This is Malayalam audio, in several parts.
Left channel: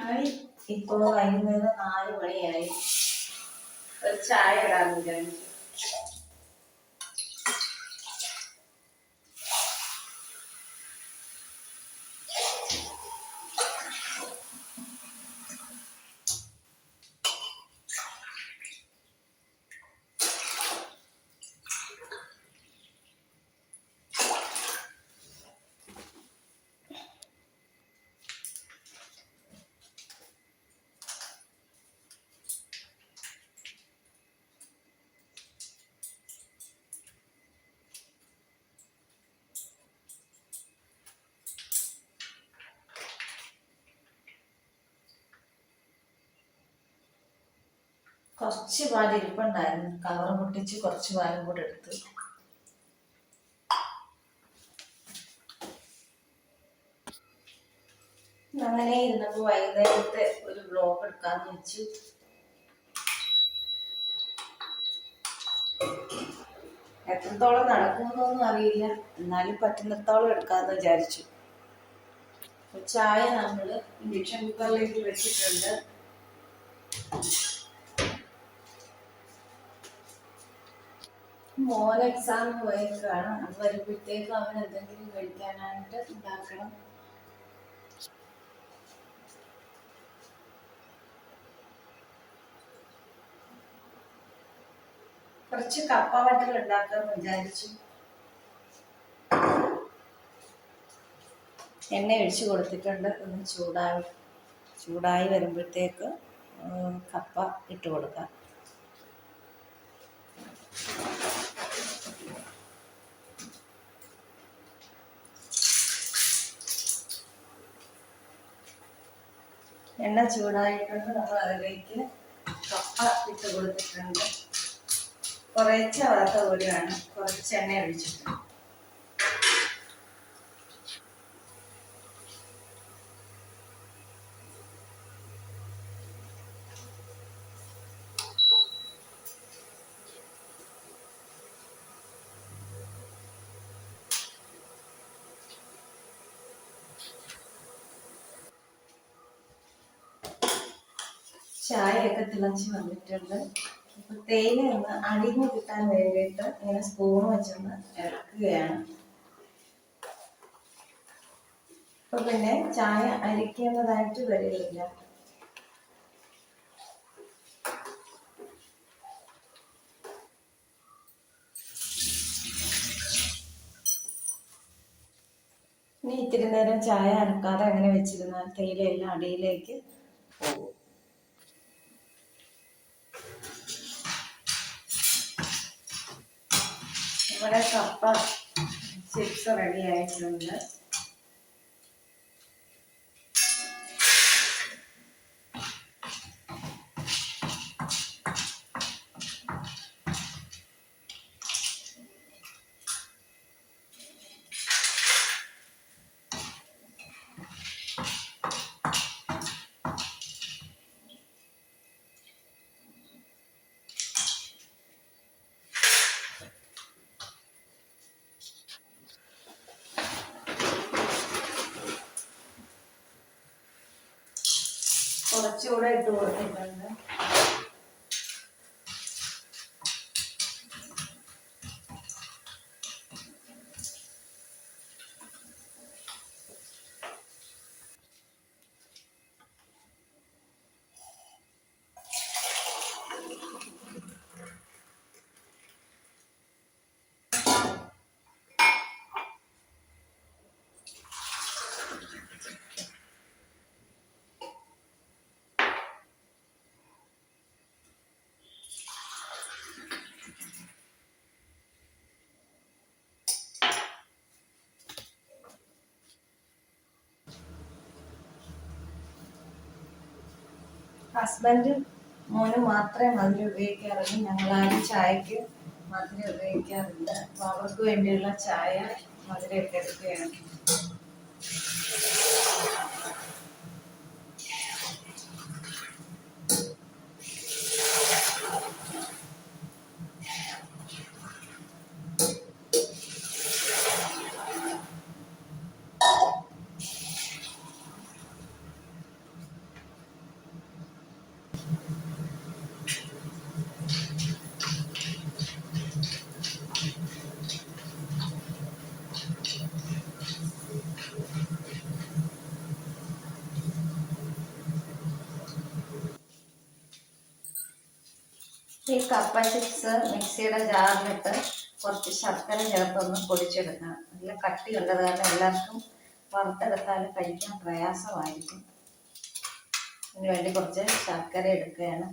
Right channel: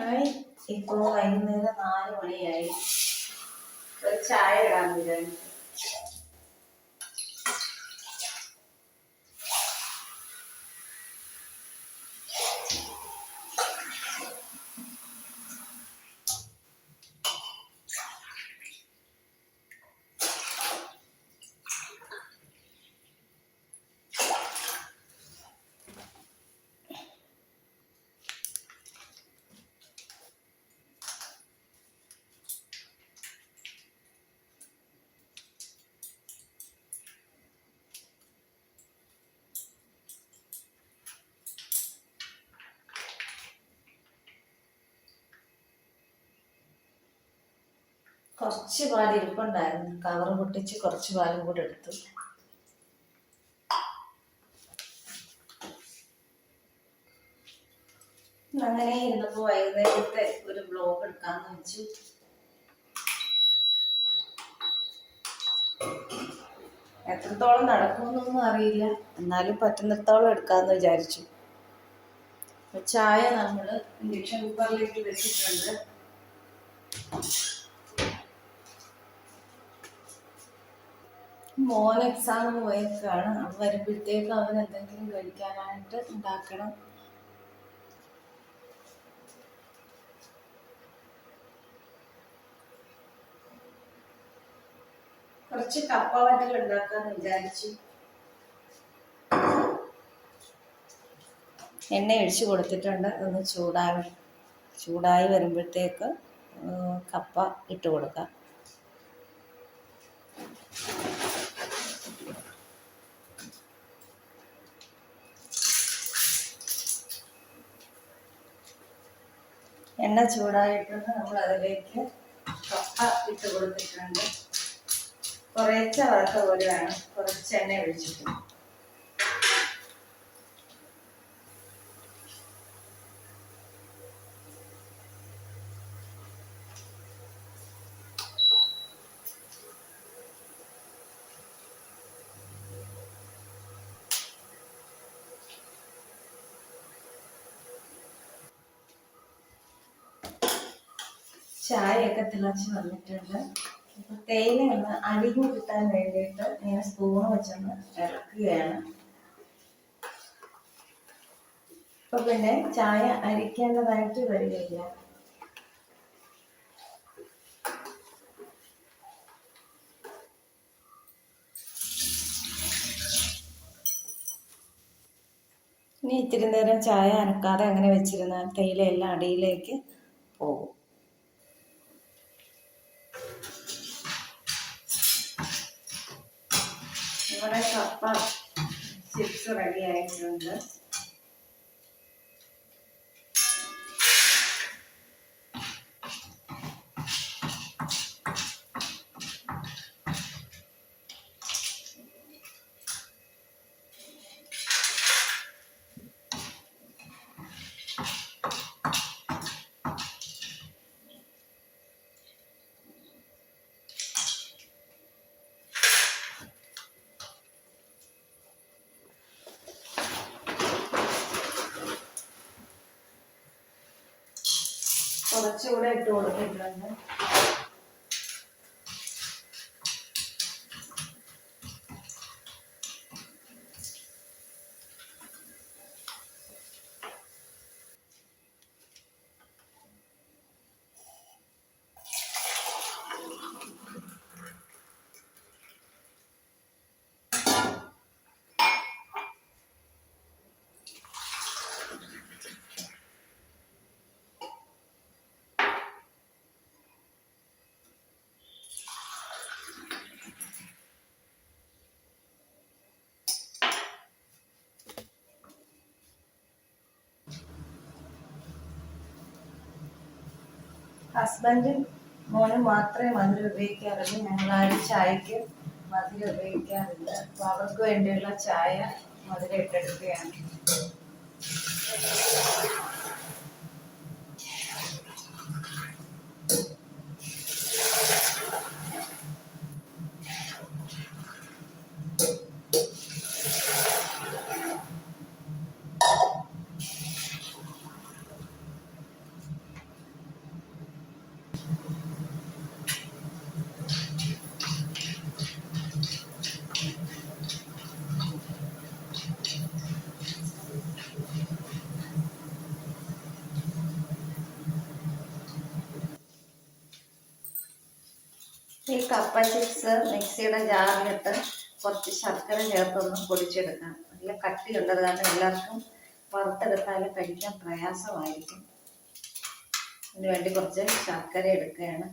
ആയി. ഇപ്പോ വൈകുന്നേരം നാല് മണിയായി. ഒരു ചായ ഇടാൻ വിചാരിച്ചു കുറച്ച് പാൽ ഇരിപ്പുണ്ടായിരുന്നു. കവർ പൊട്ടിച്ച് കുറച്ച് പാലും കൂടെ എടുത്തു. അങ്ങനെ ഇന്നപ്പോ വൈകുന്നേരത്തെ ഒരു ബ്ലോഗ് എടുക്കാന്ന് വെച്ചു എത്രത്തോളം നടക്കുമെന്നൊന്നും അറിയില്ല. എന്നാലും പറ്റുന്നിടത്തോളം എടുക്കാന്ന് വിചാരിച്ചു. ചായ നമ്മൾ ഇൻഡക്ഷൻ കുക്കറിലേക്ക് വെച്ചിട്ടുണ്ട്. മോൻ എക്സാം പോയേക്കാണ്. വരുമ്പോഴത്തേക്ക് അവൻ എന്തെങ്കിലും കഴിക്കാനായിട്ട് ഉണ്ടാക്കണം. കുറച്ച് കപ്പ വട്ടികൾ ഉണ്ടാക്കാന്ന് വിചാരിച്ചു. എണ്ണ ഒഴിച്ചു കൊടുത്തിട്ടുണ്ട്. ഒന്ന് ചൂടായി ചൂടായി വരുമ്പോഴത്തേക്ക് കപ്പ ഇട്ട് കൊടുക്കാം. എണ്ണ ചൂടായിട്ടുണ്ട്. നമ്മൾ അതിലേക്ക് കപ്പ ഇട്ട് കൊടുത്തിട്ടുണ്ട്. കുറേച്ച വറുത്ത പോലെയാണ് കുറച്ച് എണ്ണ ഒഴിച്ചിട്ടുണ്ട്. ചായയൊക്കെ തിളച്ച് വന്നിട്ടുണ്ട്. അപ്പൊ തേയില ഒന്ന് അടിഞ്ഞു കിട്ടാൻ വേണ്ടിയിട്ട് ഇങ്ങനെ സ്പൂൺ വെച്ചൊന്ന് ഇളക്കുകയാണ്. അപ്പൊ പിന്നെ ചായ അരിക്കേണ്ടതായിട്ട് വരികയില്ല. ഇനി ഇത്തിരി നേരം ചായ അനക്കാതെ അങ്ങനെ വെച്ചിരുന്നാൽ തേയില എല്ലാം അടിയിലേക്ക് റെഡി ആയിട്ടുണ്ട് കുറച്ചുകൂടെ ഇട്ട് കൊടുത്തിട്ടുണ്ട്. ഹസ്ബൻഡും മോനും മാത്രമേ മധുരം ഉപയോഗിക്കാറുള്ളൂ. ഞങ്ങളാരും ചായക്ക് മധുരം ഉപയോഗിക്കാറില്ല. അപ്പൊ അവർക്ക് വേണ്ടിയുള്ള ചായ മധുരം ഇട്ടെടുക്കുകയാണ്. ഈ കപ്പ ചിപ്സ് മിക്സിയുടെ ജാറിലിട്ട് കുറച്ച് ശർക്കര ചേർത്തൊന്ന് പൊടിച്ചെടുക്കണം. നല്ല കട്ടിയുള്ളത് കാരണം എല്ലാവർക്കും വറുത്തെടുത്താൽ കഴിക്കാൻ പ്രയാസമായിരിക്കും. അതിന് വേണ്ടി കുറച്ച് ശർക്കര എടുക്കുകയാണ്.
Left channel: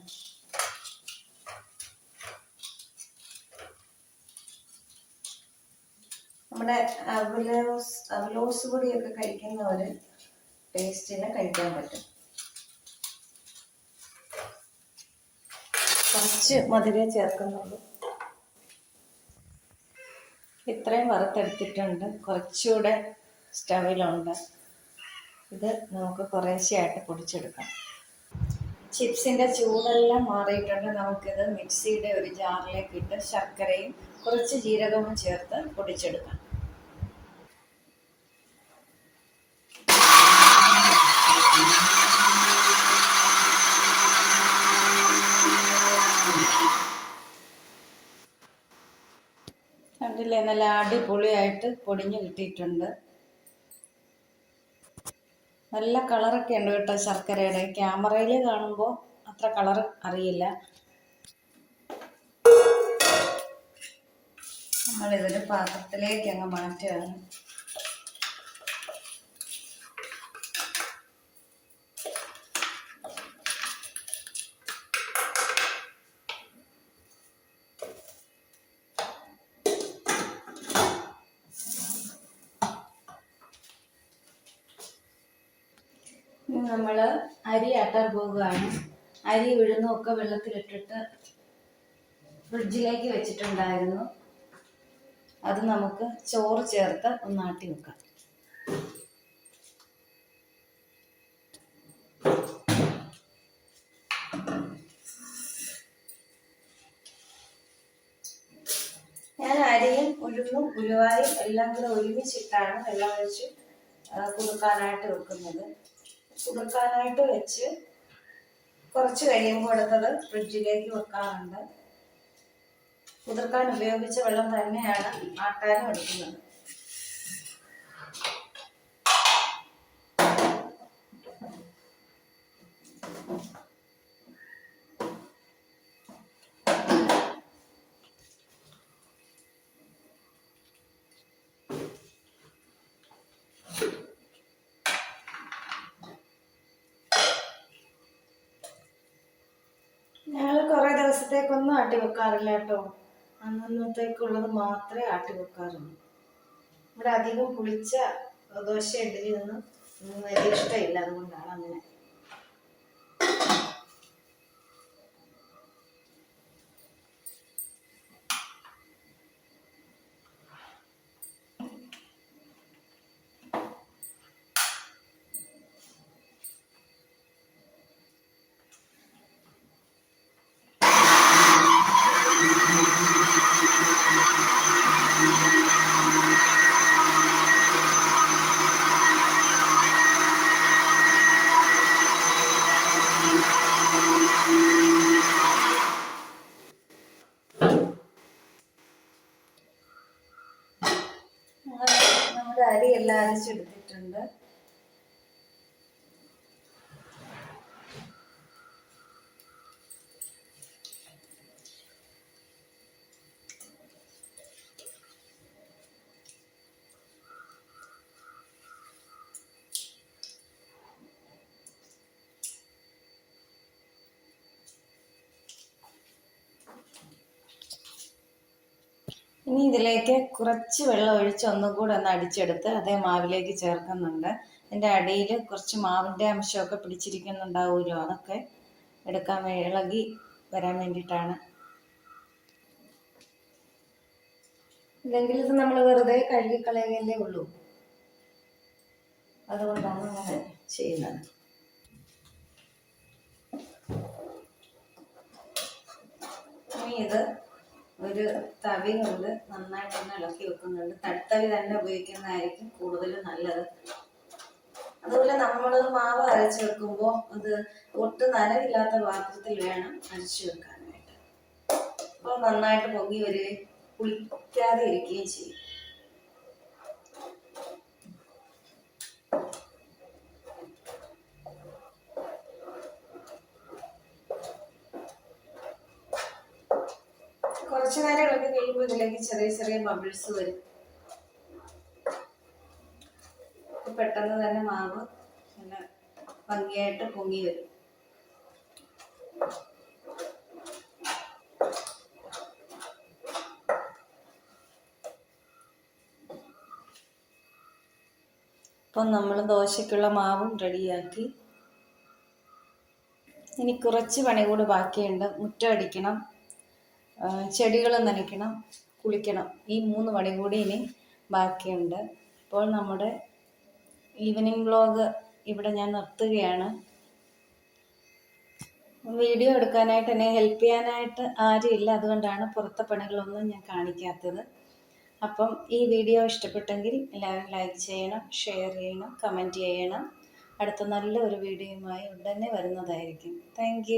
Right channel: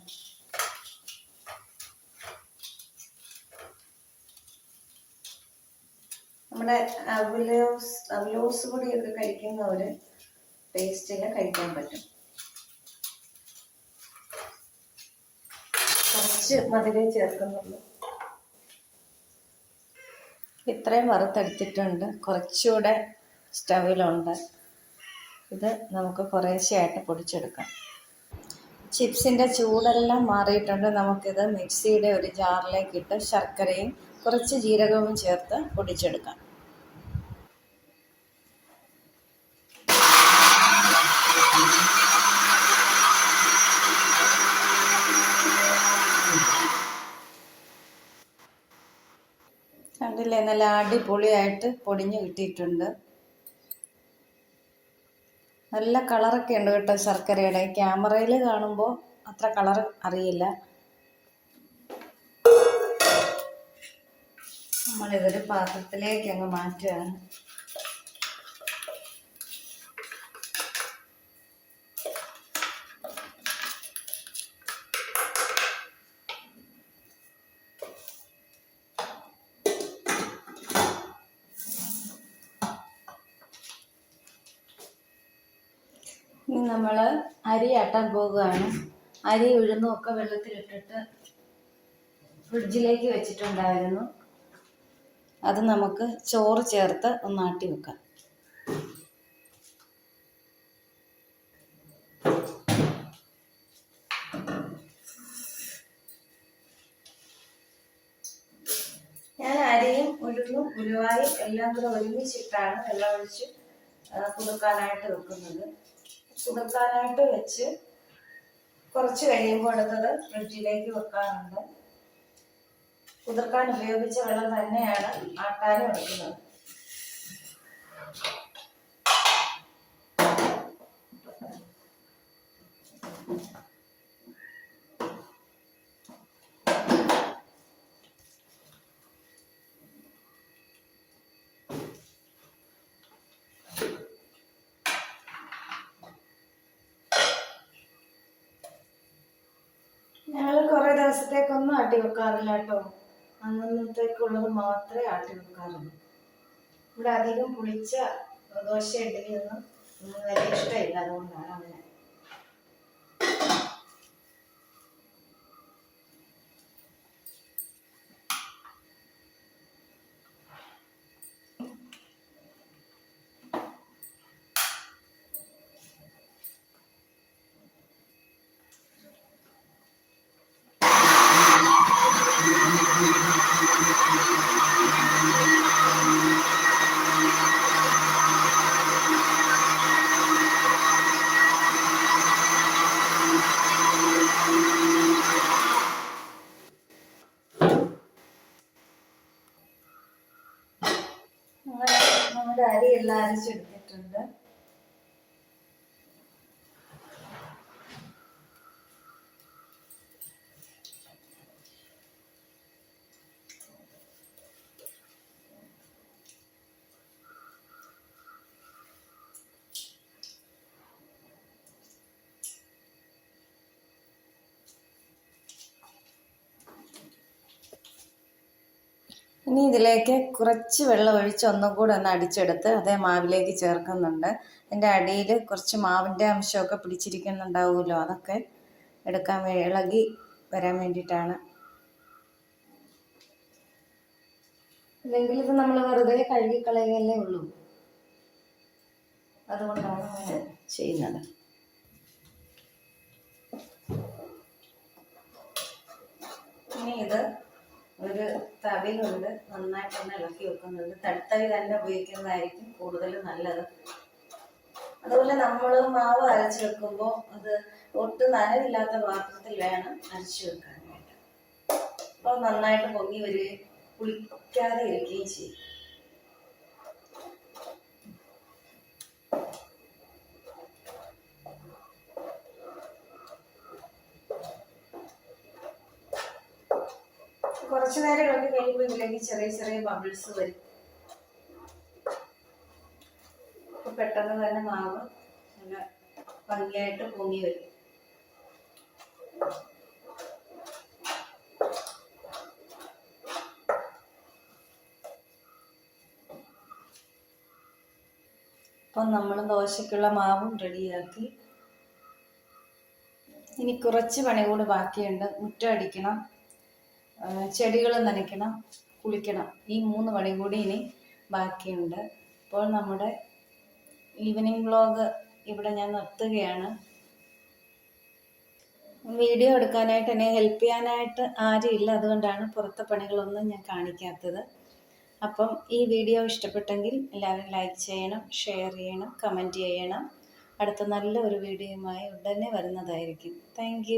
നമ്മുടെ അവലോസ് അവലോസ് പൊടിയൊക്കെ കഴിക്കുന്നവർ ടേസ്റ്റിന് കഴിക്കാൻ പറ്റും. കുറച്ച് മധുരം ചേർക്കുന്നുള്ളൂ. ഇത്രയും വറുത്തെടുത്തിട്ടുണ്ട്. കുറച്ചുകൂടെ സ്റ്റവിലുണ്ട്. ഇത് നമുക്ക് കുറേശ്ശെയായിട്ട് പൊടിച്ചെടുക്കാം. ചിപ്സിന്റെ ചൂടെല്ലാം മാറിയിട്ടുണ്ട്. നമുക്കിത് മിക്സിയുടെ ഒരു ജാറിലേക്കിട്ട് ശർക്കരയും കുറച്ച് ജീരകവും ചേർത്ത് പൊടിച്ചെടുക്കാം. കണ്ടില്ലേ? നല്ല അടിപൊളിയായിട്ട് പൊടിഞ്ഞ് കിട്ടിയിട്ടുണ്ട്. നല്ല കളറൊക്കെ ഉണ്ട് കേട്ടോ ശർക്കരയുടെ. ക്യാമറയിൽ കാണുമ്പോൾ അത്ര കളർ അറിയില്ല. നമ്മളിതൊരു പാത്രത്തിലേക്ക് അങ്ങ് മാറ്റുകയാണ്. നമ്മൾ അരി ആട്ടാൻ പോകുകയാണ് അരി ഉഴുന്നും ഒക്കെ വെള്ളത്തിലിട്ടിട്ട് ഫ്രിഡ്ജിലേക്ക് വെച്ചിട്ടുണ്ടായിരുന്നു. അത് നമുക്ക് ചോറ് ചേർത്ത് ഒന്ന് ആട്ടി വെക്കാം. ഞാൻ അരിയും ഉഴുന്നും ഉലുവായും എല്ലാം കൂടെ ഒരുമിച്ചിട്ടാണ് വെള്ളം ഒഴിച്ച് ആ, വെക്കുന്നത്. കുതിർക്കാനായിട്ട് വെച്ച് കുറച്ച് കഴിയുമ്പോൾ എടുത്തത് ഫ്രിഡ്ജിലേക്ക് വെക്കാറുണ്ട്. കുതിർക്കാൻ ഉപയോഗിച്ച വെള്ളം തന്നെയാണ് ആട്ടാനും എടുക്കുന്നത്. ദിവസത്തേക്കൊന്നും ആട്ടി വെക്കാറില്ല കേട്ടോ. അന്നന്നത്തേക്കുള്ളത് മാത്രമേ ആട്ടി വെക്കാറുള്ളൂ. ഇവിടെ അധികം പുളിച്ച ദോശ ഇഡലി ഒന്നും വലിയ ഇഷ്ടമില്ല. അതുകൊണ്ടാണ് അങ്ങനെ അരി എല്ലാം അരച്ചെടുത്തിട്ടുണ്ട്. ഇനി ഇതിലേക്ക് കുറച്ച് വെള്ളം ഒഴിച്ച് ഒന്നും കൂടെ ഒന്ന് അടിച്ചെടുത്ത് അതേ മാവിലേക്ക് ചേർക്കുന്നുണ്ട്. അതിന്റെ അടിയിൽ കുറച്ച് മാവിന്റെ അംശമൊക്കെ പിടിച്ചിരിക്കുന്നുണ്ടാവുമല്ലോ അതൊക്കെ എടുക്കാൻ ഇളകി വരാൻ വേണ്ടിയിട്ടാണ്. ഇല്ലെങ്കിൽ ഇത് നമ്മൾ വെറുതെ കഴുകിക്കളയല്ലേ ഉള്ളൂ. അതുകൊണ്ടാണ് അങ്ങനെ ചെയ്യുന്നത്. ഇനി ഇത് ഒരു തവി കൊണ്ട് നന്നായിട്ട് തന്നെ ഇളക്കി വെക്കുന്നുണ്ട്. തടുത്തവി തന്നെ ഉപയോഗിക്കുന്നതായിരിക്കും കൂടുതൽ നല്ലത്. അതുപോലെ നമ്മൾ മാവ് അരച്ച് വെക്കുമ്പോൾ അത് ഒട്ടും നനവില്ലാത്ത പാത്രത്തിൽ വേണം അരച്ച് വെക്കാനായിട്ട്. അപ്പോൾ നന്നായിട്ട് പൊങ്ങി വരികയും പുളിക്കാതെ ഇരിക്കുകയും ചെയ്യും. കുറച്ച് നേരം ഇളക്കി കഴിയുമ്പോൾ ഇതിലേക്ക് ചെറിയ ചെറിയ ബബിൾസ് വരും. പെട്ടെന്ന് തന്നെ മാവ് നല്ല ഭംഗിയായിട്ട് പൊങ്ങി വരും. അപ്പം നമ്മൾ ദോശയ്ക്കുള്ള മാവും റെഡിയാക്കി. ഇനി കുറച്ച് പണി കൂടി ബാക്കിയുണ്ട്. മുറ്റം അടിക്കണം. ചെടികൾ നനയ്ക്കണം കുളിക്കണം. ഈ മൂന്ന് പണി കൂടി ഇനി ബാക്കിയുണ്ട്. അപ്പോൾ നമ്മുടെ ഈവനിങ് വ്ളോഗ് ഇവിടെ ഞാൻ നിർത്തുകയാണ്. വീഡിയോ എടുക്കാനായിട്ട് എന്നെ ഹെൽപ്പ് ചെയ്യാനായിട്ട് ആരുമില്ല. അതുകൊണ്ടാണ് പുറത്തെ പണികളൊന്നും ഞാൻ കാണിക്കാത്തത്. അപ്പം ഈ വീഡിയോ ഇഷ്ടപ്പെട്ടെങ്കിൽ എല്ലാവരും ലൈക്ക് ചെയ്യണം ഷെയർ ചെയ്യണം കമന്റ് ചെയ്യണം. അടുത്ത നല്ല ഒരു വീഡിയോയുമായി ഉടനെ വരുന്നതായിരിക്കും. താങ്ക്